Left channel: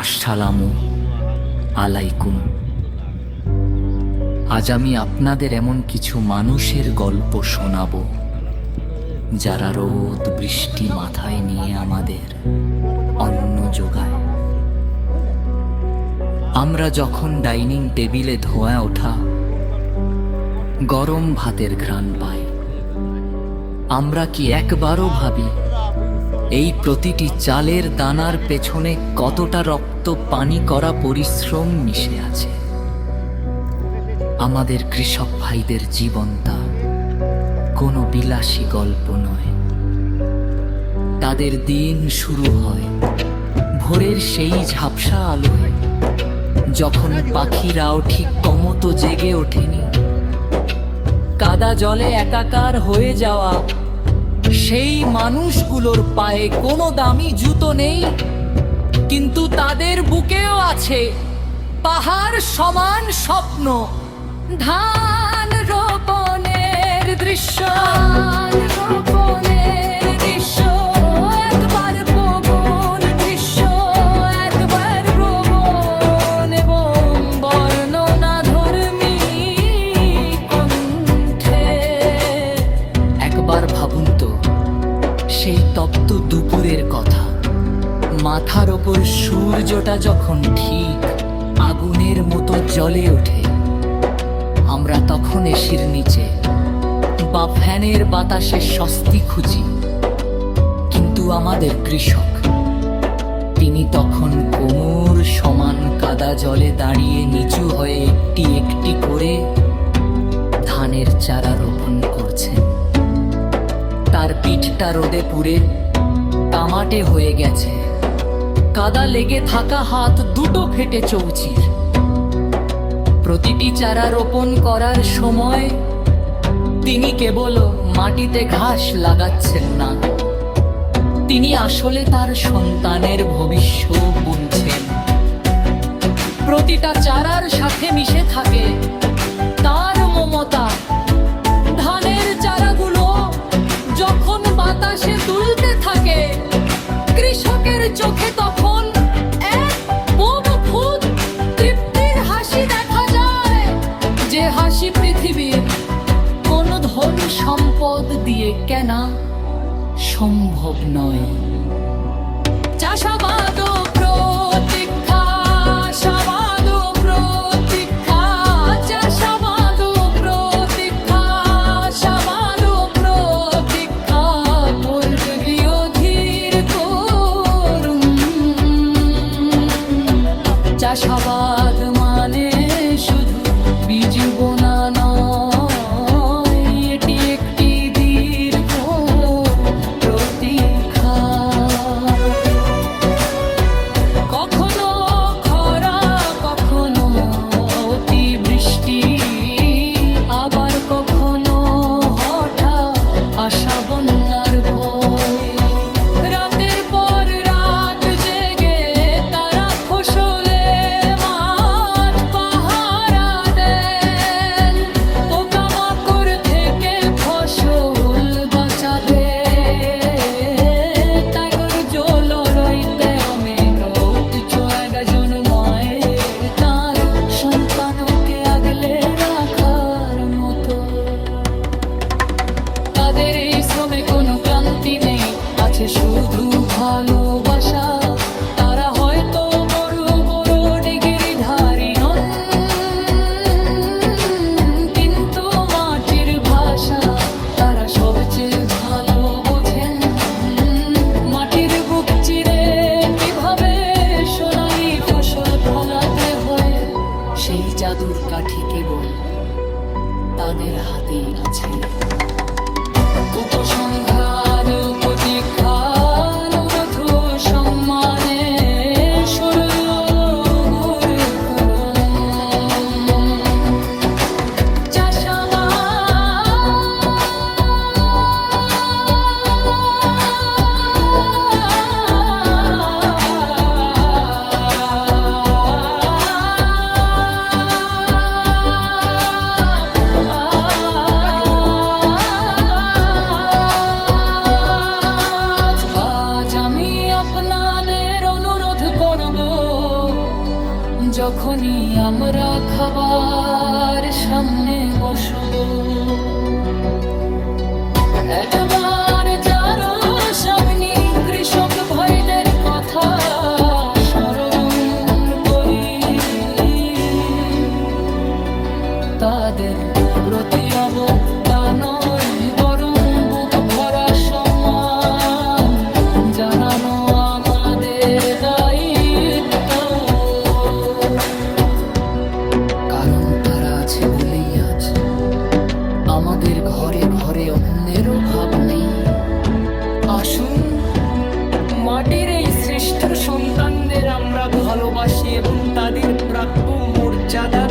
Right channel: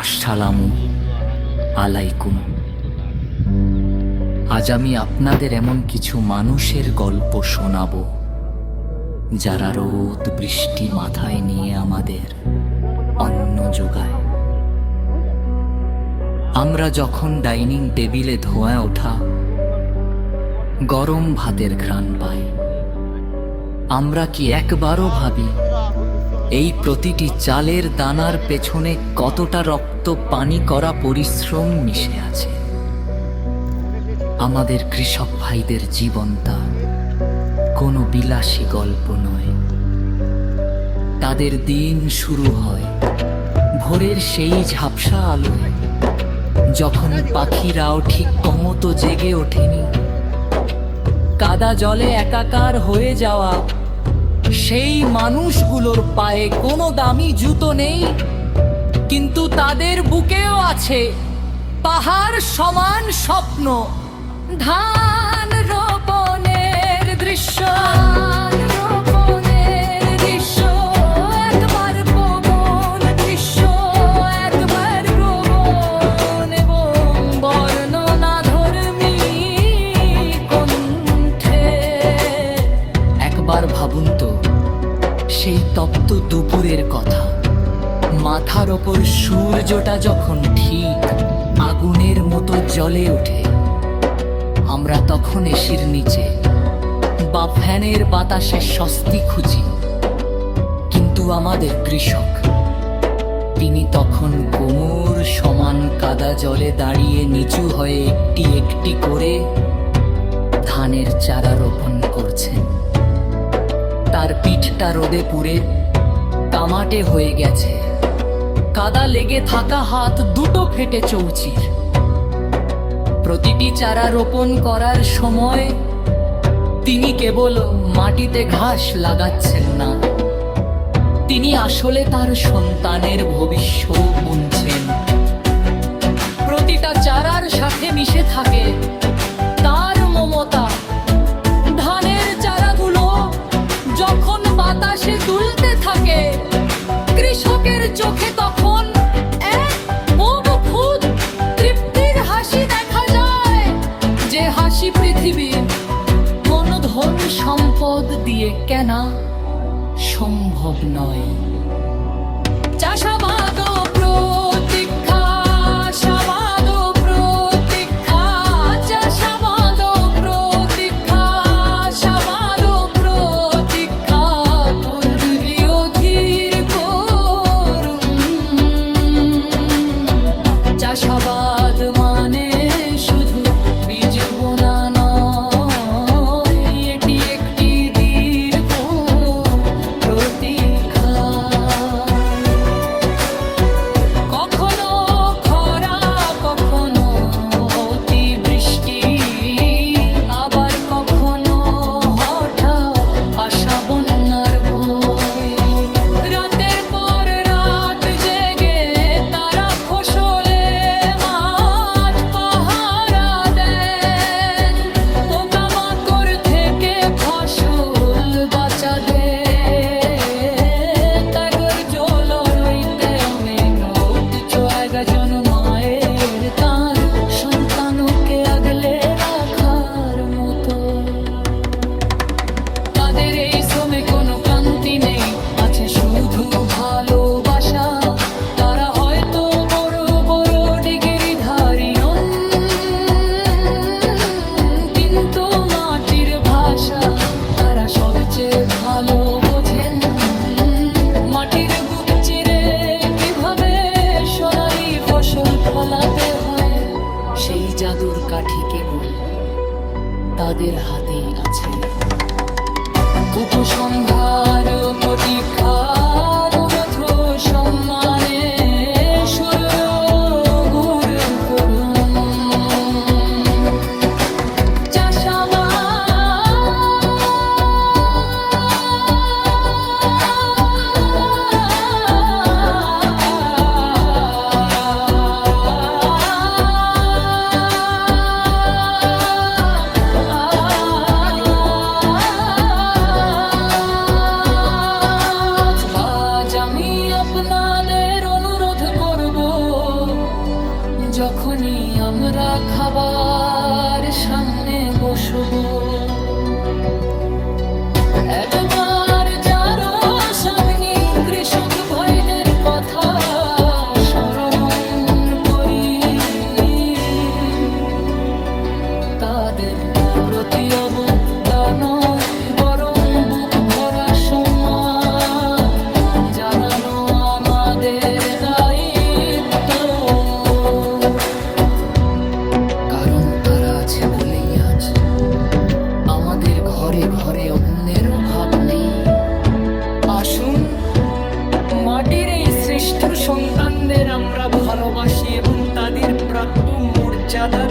আসসালামু আলাইকুম। আজ আমি আপনাদের এমন কিছু মানুষের গল্প শোনাব, যারা রোদ বৃষ্টি মাথায় নিয়ে আমাদের অন্ন যোগায়। আমরা যখন ডাইনিং টেবিলে ধোঁয়া ওঠা, গরম ভাতের ঘ্রাণ পাই। আমরা কি একবারও ভাবি এই প্রতিটি চালের দানার পেছনে কতটা রক্ত পানি করা পরিশ্রম মিশে আছে। আমাদের কৃষক ভাইদের জীবনটা কোনো বিলাসী গল্প নয়। তাদের দিন শুরু হয় ভোরের সেই ঝাপসা আলোয়, যখন পাখিরাও ঠিক কমতো জেগে ওঠেনি। কাদা জলে একাকার হয়ে যাওয়া সেই মানুষগুলোর পায়ে কোনো দামি জুতো নেই, কিন্তু তাদের বুকেও আছে পাহাড় সমান স্বপ্ন। ধান রোপণের দৃশ্য একবার ভাবুন তো সেই তপ্ত দুপুরের কথা। মাথার ওপর সূর্যটা যখন ঠিক আগুনের মতো জ্বলে ওঠে, আমরা তখন এসির নিচে বা ফ্যানের বাতাসে স্বস্তি খুঁজি। কিন্তু আমাদের কৃষক, তিনি তখন কোমর সমান কাদা জলে দাঁড়িয়ে নিচু হয়ে একটি একটি করে ধানের চারা রোপণ করছেন। তার পিঠটা রোদে পুড়ে তামাটে হয়ে গেছে। কাদা লেগে থাকা হাত দুটো ফেটে চৌচির। প্রতিটি চারা রোপণ করার সময় তিনি কেবল মাটিতে ঘাস লাগাচ্ছেন না। তিনি আসলে তার সন্তানের ভবিষ্য বুনছেন। প্রতিটা চারার সাথে মিশে থাকে তার মমতা। ধানের বাতাসে দুলতে থাকে। কৃষকের চোখে তখন এক বুভুত তৃপ্তির হাসি দেখা যায়। যে হাসি পৃথিবীর কোন ধন সম্পদ দিয়ে কেনা সম্ভব নয়। চাষাবাদ ও চাষাবাদ মানে শুধু বীজ কোনো ক্লান্তি নেই। আছে শুধু ভালোবাসা। তারা হয়তো বড় বড় ডিগ্রিধারী হন, কিন্তু মাটির ভাষা তারা সবচেয়ে ভালো বোঝেন, মাটির বুক চিরে কীভাবে সোনালি ফসল ফলাতে হয়, সেই জাদুর কাঠি কেবল তাদের হাতেই আছে। উপসংহার প্রতীক্ষার সম্মান আপনাদের অনুরোধ যখনই আমরা খাবার সামনে বসবো। একবার যারো সামনে কৃষক ভাইদের কথা স্মরণ করি। তাদের প্রতি অবজ্ঞা আছে বলেই আজ আমাদের ঘরে ঘরে অন্যেরও ভাব নেই। আসুন, মাটির এই শ্রেষ্ঠ সন্তানদের আমরা ভালোবাসি এবং তাদের প্রাপ্য মর্যাদা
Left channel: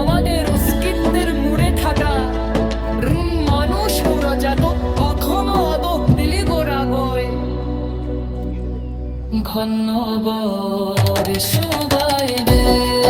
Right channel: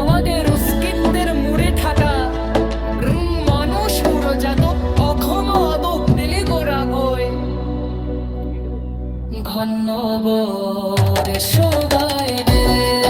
আমাদের অস্তিত্বের মুড়ে থাকা মানুষ উড়োজাত কখনো আদব দিলি গোড়া গয়। ঘন বরে সবাই রে